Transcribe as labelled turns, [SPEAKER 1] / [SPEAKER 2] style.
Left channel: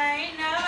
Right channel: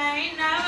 [SPEAKER 1] I know.